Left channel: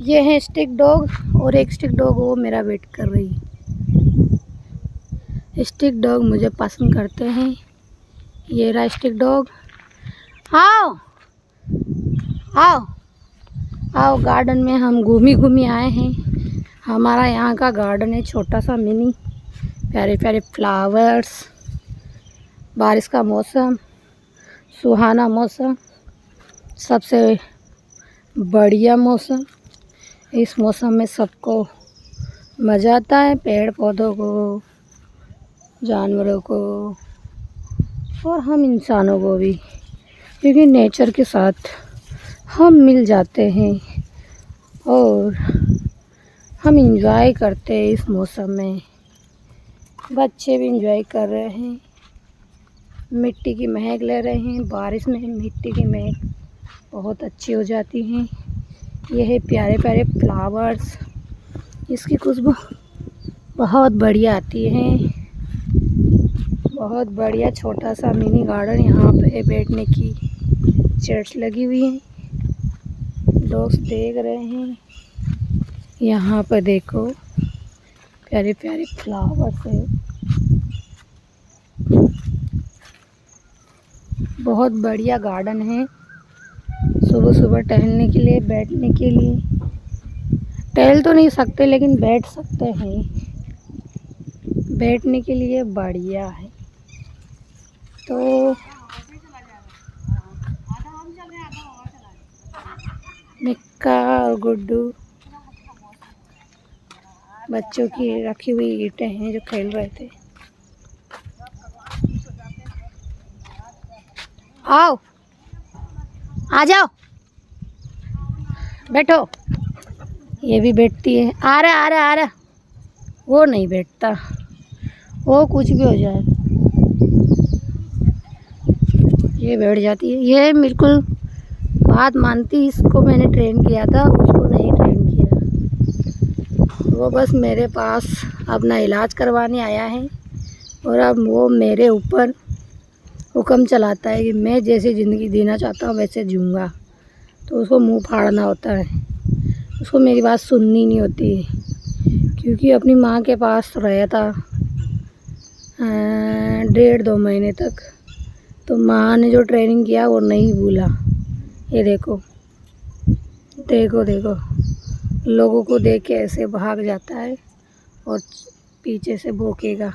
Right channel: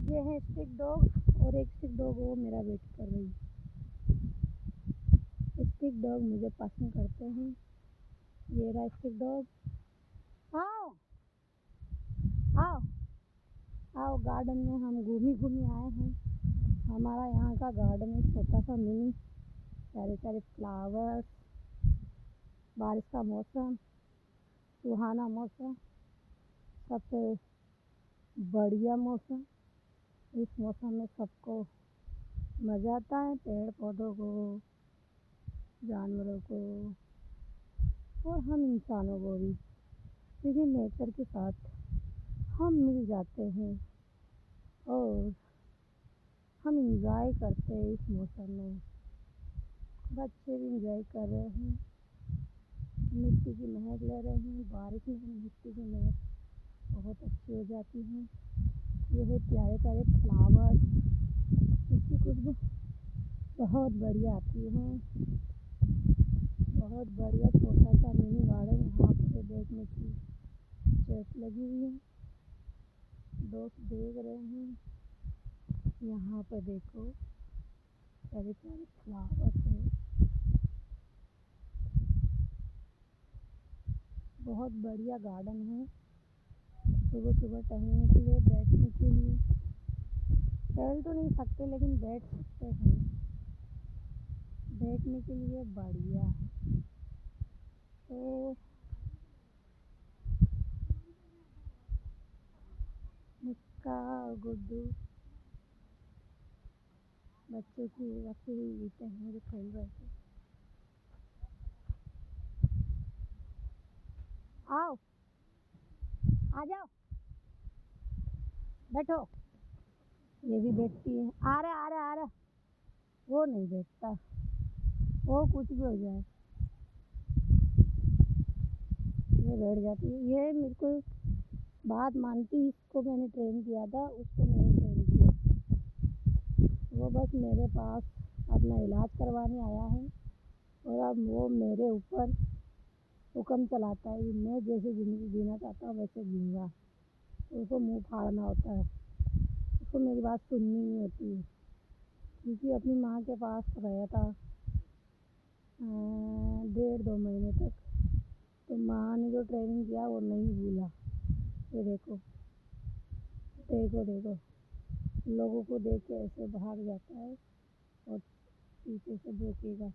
ये है stick dog और एक स्टिक डॉग वो मेरा वेट कर रही है। स्टिक डॉग मुझे पसंद करते हैं। ये रहा स्टिक डॉग। आओ आओ आओ, गार्डन में हम घूमी आए हैं। हमारा यहाँ का गार्डन है छोटा सा मिनी, प्यारे प्यारे फ्लावर्स, बारिश का मौसम, सुहाना मौसम, सबसे बढ़िया मौसम। इस मौसम में सबको मज़ा आता है, पेड़ पौधों को, जानवरों को और हम इंसानों को भी, क्योंकि नेचर के साथ हम मिल जाते हैं और हम इंजॉय करते हैं। इस मौसम में बच्चे भी इंजॉय कर रहे हैं, मिट्टी की महक ले रहे हैं। बारिश में मिट्टी की महक बहुत अच्छी हो जाती है। ये है प्यारे प्यारे फ्लावर्स, इसकी खुशबू बहुत बढ़िया आती है। बहुत बढ़िया छोटा सा मिनी गार्डन। यहाँ पे बैठने की चेयर्स लगी हुई हैं, दोस्त देख रहे हैं। यहाँ पर देखो प्यारे प्यारे फ्लावर्स है। बहुत बढ़िया गार्डन है, सुबह सुबह टहलने के लिए, बैठने के लिए। टहल तो नहीं सकते लेकिन बैठ सकते हैं, बैठने के लिए बढ़िया है। तो मिक्का और गुड्डू बच्चों की रखी हुई ईंटें हैं जो खेल रहे थे। आओ आ जाओ, बैठो। ये भी बैठती है। आ रहा। वो नहीं बैठता, वो कुछ भी हो जाए ये बैठ जाती है। ये बिल्कुल बात मानती। इसको मैंने ट्रेन किया था, उसको नहीं ट्रेन किया। वो बस मेरे पास अपना इलाज करवाने आया है और अब वो मेरे ऊपर हुक्म चलाता है कि मैं जैसी ज़िंदगी जीना चाहता हूँ वैसे जीऊँगा। तो उसको मुंह फाड़ना होता है, उसको मेरी बात सुननी नहीं होती है। क्योंकि अपनी माँ के पास रहा था 1.5-2 महीने तक, तो माँ ने जो ट्रेनिंग किया वो नहीं भूला। ये देखो देखो देखो, लोगों को देख के ऐसे भाग जाता है और पीछे से भौंकेगा।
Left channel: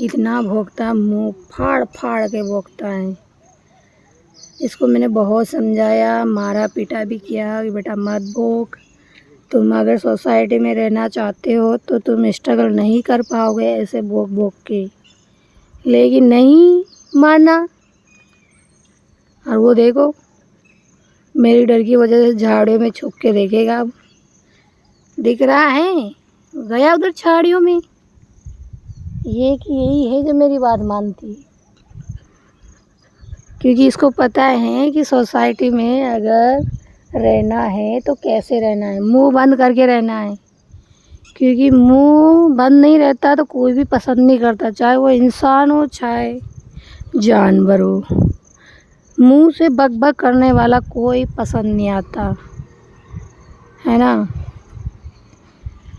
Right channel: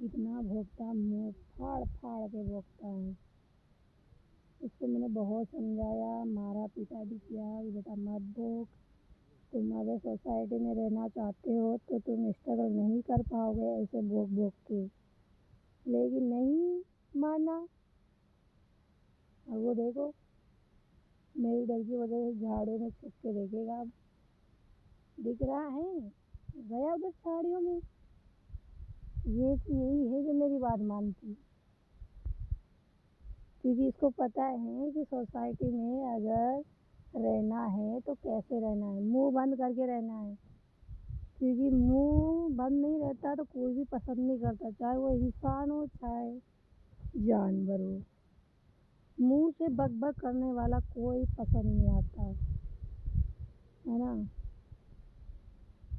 इतना भौंकता, मुंह फाड़ फाड़ के भौंकता है। इसको मैंने बहुत समझाया, मारा पीटा भी किया कि बेटा मत भौंक। तुम अगर सोसाइटी में रहना चाहते हो तो तुम स्ट्रगल नहीं कर पाओगे ऐसे भौंक भौंक के, लेकिन नहीं माना। और वो देखो मेरी डर की वजह से झाड़ियों में छुप के देखेगा। अब दिख रहा है, गया उधर झाड़ियों में। ये कि यही है जो मेरी बात मानती है, क्योंकि इसको पता है कि सोसाइटी में अगर रहना है तो कैसे रहना है, मुंह बंद करके रहना है। क्योंकि मुंह बंद नहीं रहता तो कोई भी पसंद नहीं करता, चाहे वो इंसान हो चाहे जानवर हो। मुंह से बक बक करने वाला कोई पसंद नहीं आता है ना।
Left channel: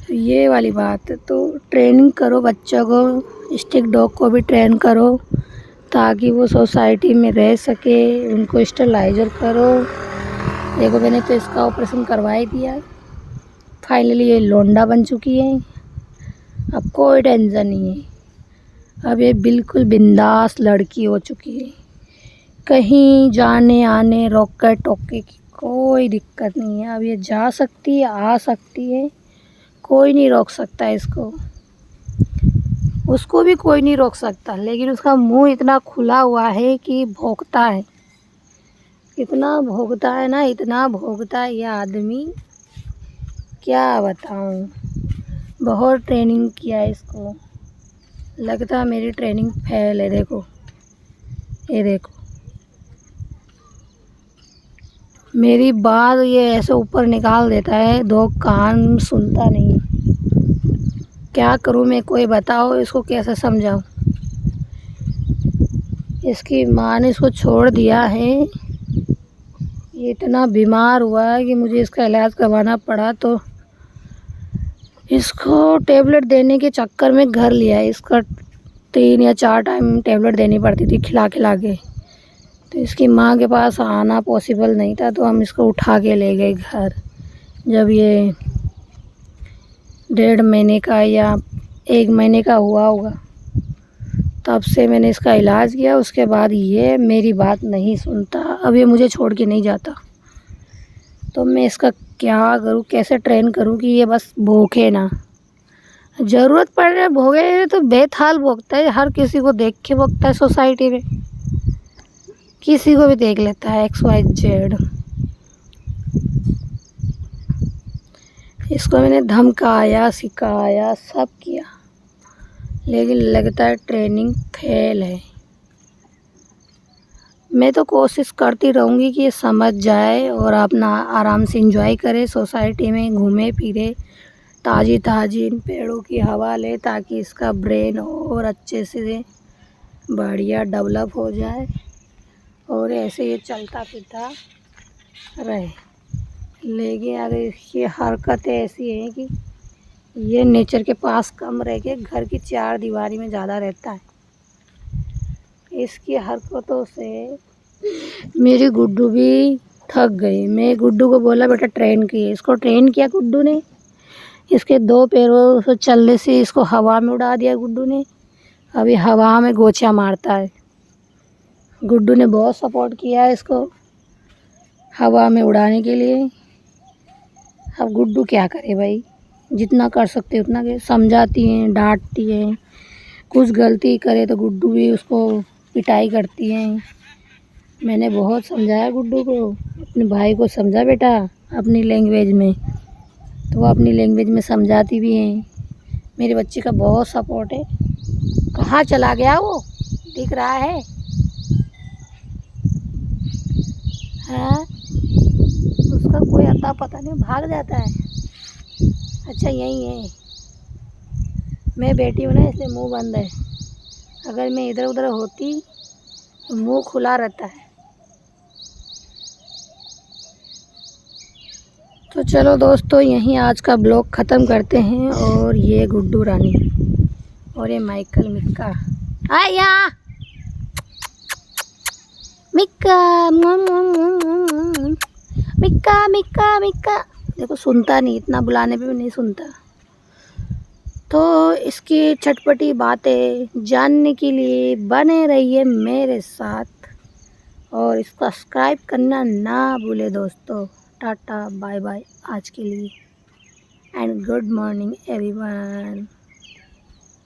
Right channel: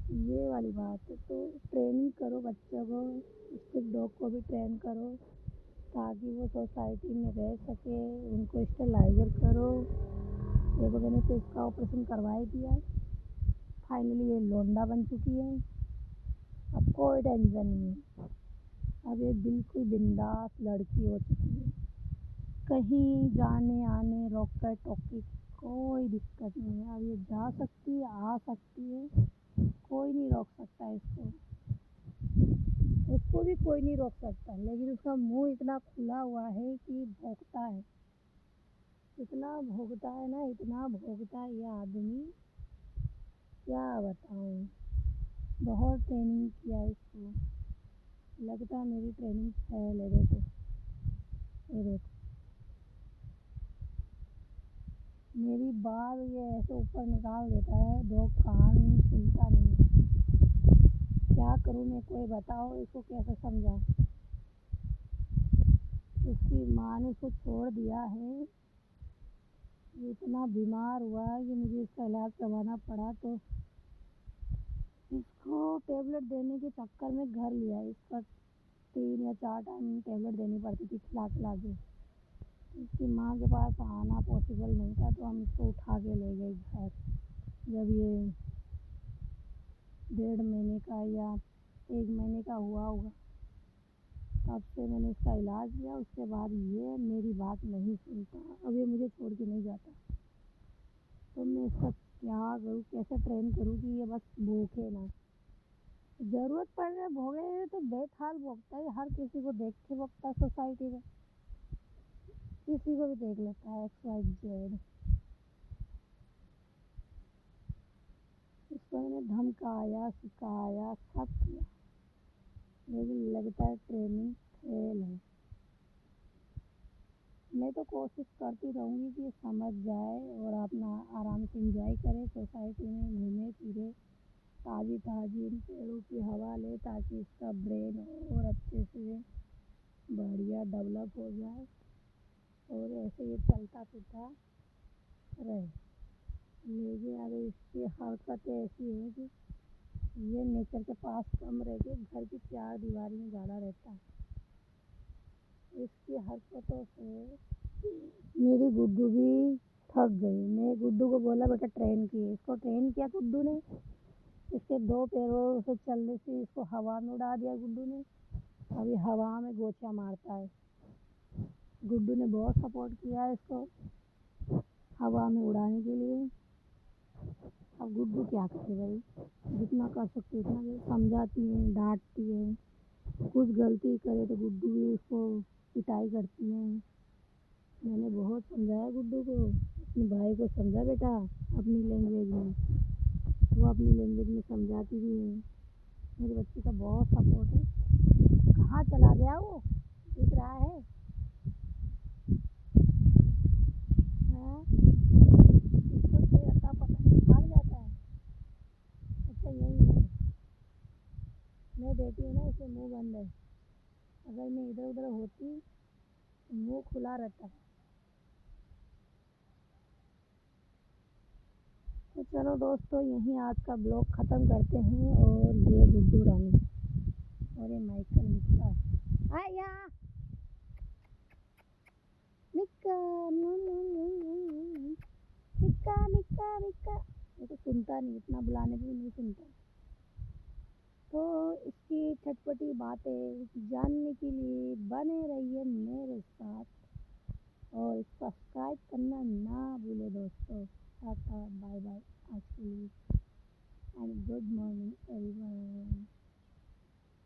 तो ये वाली बात है। तो ट्रेनिंग करो बच्चों को, स्टिक डॉग को भी ट्रेन करो ताकि वो सोसाइटी में रह सके। उनको स्टेलाइजर करो। देखो मैंने तो इसका ऑपरेशन करवा ही दिया। फाइनली ये लोंडा बन चुकी है, अब कोई टेंशन नहीं है। अब ये बिल्कुल बिंदास लड़की हो चुकी है। कहीं जाने आने रोके टोके की कोई दिक्कत नहीं है। अब ये जा सकती है, आ सकती है, कोई नहीं रोक सकता इसको। उसको भी कोई नहीं रोक सकता, लेकिन उसका मुंह इतना खुला हुआ है कि भौंकता है। इतना भौंकता है ना, इतना भौंकता है ये आदमी, क्या बताऊं। बहुत ट्रेनिंग किया है इसको, लगता है मेरी ट्रेनिंग फेल है। देखो ये देखो, मेरी बात ये ऐसे ऊपर निकाल देता है, दो कान सुनता नहीं। क्या करूं मैं, कोई बताओ इसको कैसे समझाऊं। इसकी माँ ने इसको छोड़ दिया है ये इतना बीमार हुआ है कि मुझे इसका इलाज करवाना पड़ा, तो इसको टेबलेट देने के चक्कर में घर लिया है। इसका 3 या 4 टाइम टेबलेट देनी पड़ती थी खिला खिला के। तो इसकी माँ के पास आना पॉसिबल नहीं था, तो हम इसको उठा के ले गए घर। जब ये 1.5 महीने का या 1 महीने का हुआ होगा, तब से मैंने इसका इलाज किया। उसके बाद ये मेरी बात नहीं सुनता। अब ये मुझे छोड़ के नहीं जाता। तो मैं इसका क्या करूँ, कैसे ट्रेन करूँ कि ये बस भूखे ना। ज़रूरत पड़ रहा है भोगे तो बेताल भोगता है, हर किसी को देख के भोगता है। सोसाइटी में किसी को भी देख लेता है, XYZ। इसको मैंने धमकाया, सिखाया, सब किया, लेकिन लगता है ट्रेनिंग फेल है। मैं तो कोशिश करती रहूँगी कि ये समझ जाए और अपना आराम से एंजॉय करे, सोसाइटी में घूमे फिरे, ताज़ी ताज़ी इन पेड़ों की हवा ले, ताकि इसका ब्रेन और अच्छे से बढ़िया डेवलप हो जाए और ऐसे ये चलता फिरता रहे। लेकिन अगर इसकी हरकतें ऐसी हैं कि ये नेचर के पास कम रह के घर की 4 दीवारी में ज़्यादा रहता है। इसकी हरकतों से मेरी गुड्डू भी थक गई। मैं गुड्डू को बोला बेटा ट्रेन किए, इसको ट्रेन किया गुड्डू ने। इसके 2 पैरों से चलने से इसको हवा में उड़ा दिया गुड्डू ने। अभी हवा में गोचा मारता है। गुड्डू ने बहुत सपोर्ट किया है इसको हवा में उड़ाने के लिए। अब गुड्डू क्या करे भाई, जितना कर सकते उतना के समझाती हैं, डांटती हैं। कुछ गलती करे तो गुड्डू भी उसको पिटाई करती हैं। मैंने बहुत समझाया गुड्डू को, अपने भाई को समझा बेटा अपनी लैंग्वेज में, तो वो अपनी लैंग्वेज में समझाती भी हैं। मेरे बच्चे का बहुत सपोर्ट है। कहाँ चला गया वो, दिख रहा है? हाँ, उसका कोई अता पता नहीं, भाग जाता है। अच्छा यही है, मैं बेटी हूँ ना, इसलिए मुंह बंद है। अगर मैं इधर उधर होती तो मुंह खुला रहता है। तो चलो दोस्तों, यहीं आज का ब्लॉग ख़त्म करते हैं। और ये गुड्डू रानी और ये माइकल मिक्का, आया मिक्का, मिक्का मिक्का मिक्का। देखो सुनता नहीं, इतना बुलाने पे भी नहीं सुनता। तो इसकी चटपटी बातें जानने के लिए बने रहिए मेरे साथ और इसको सब्सक्राइब करना ना भूले दोस्तों। टाटा बाय बाय आज के लिए एंड गुड मॉर्निंग एवरीवन।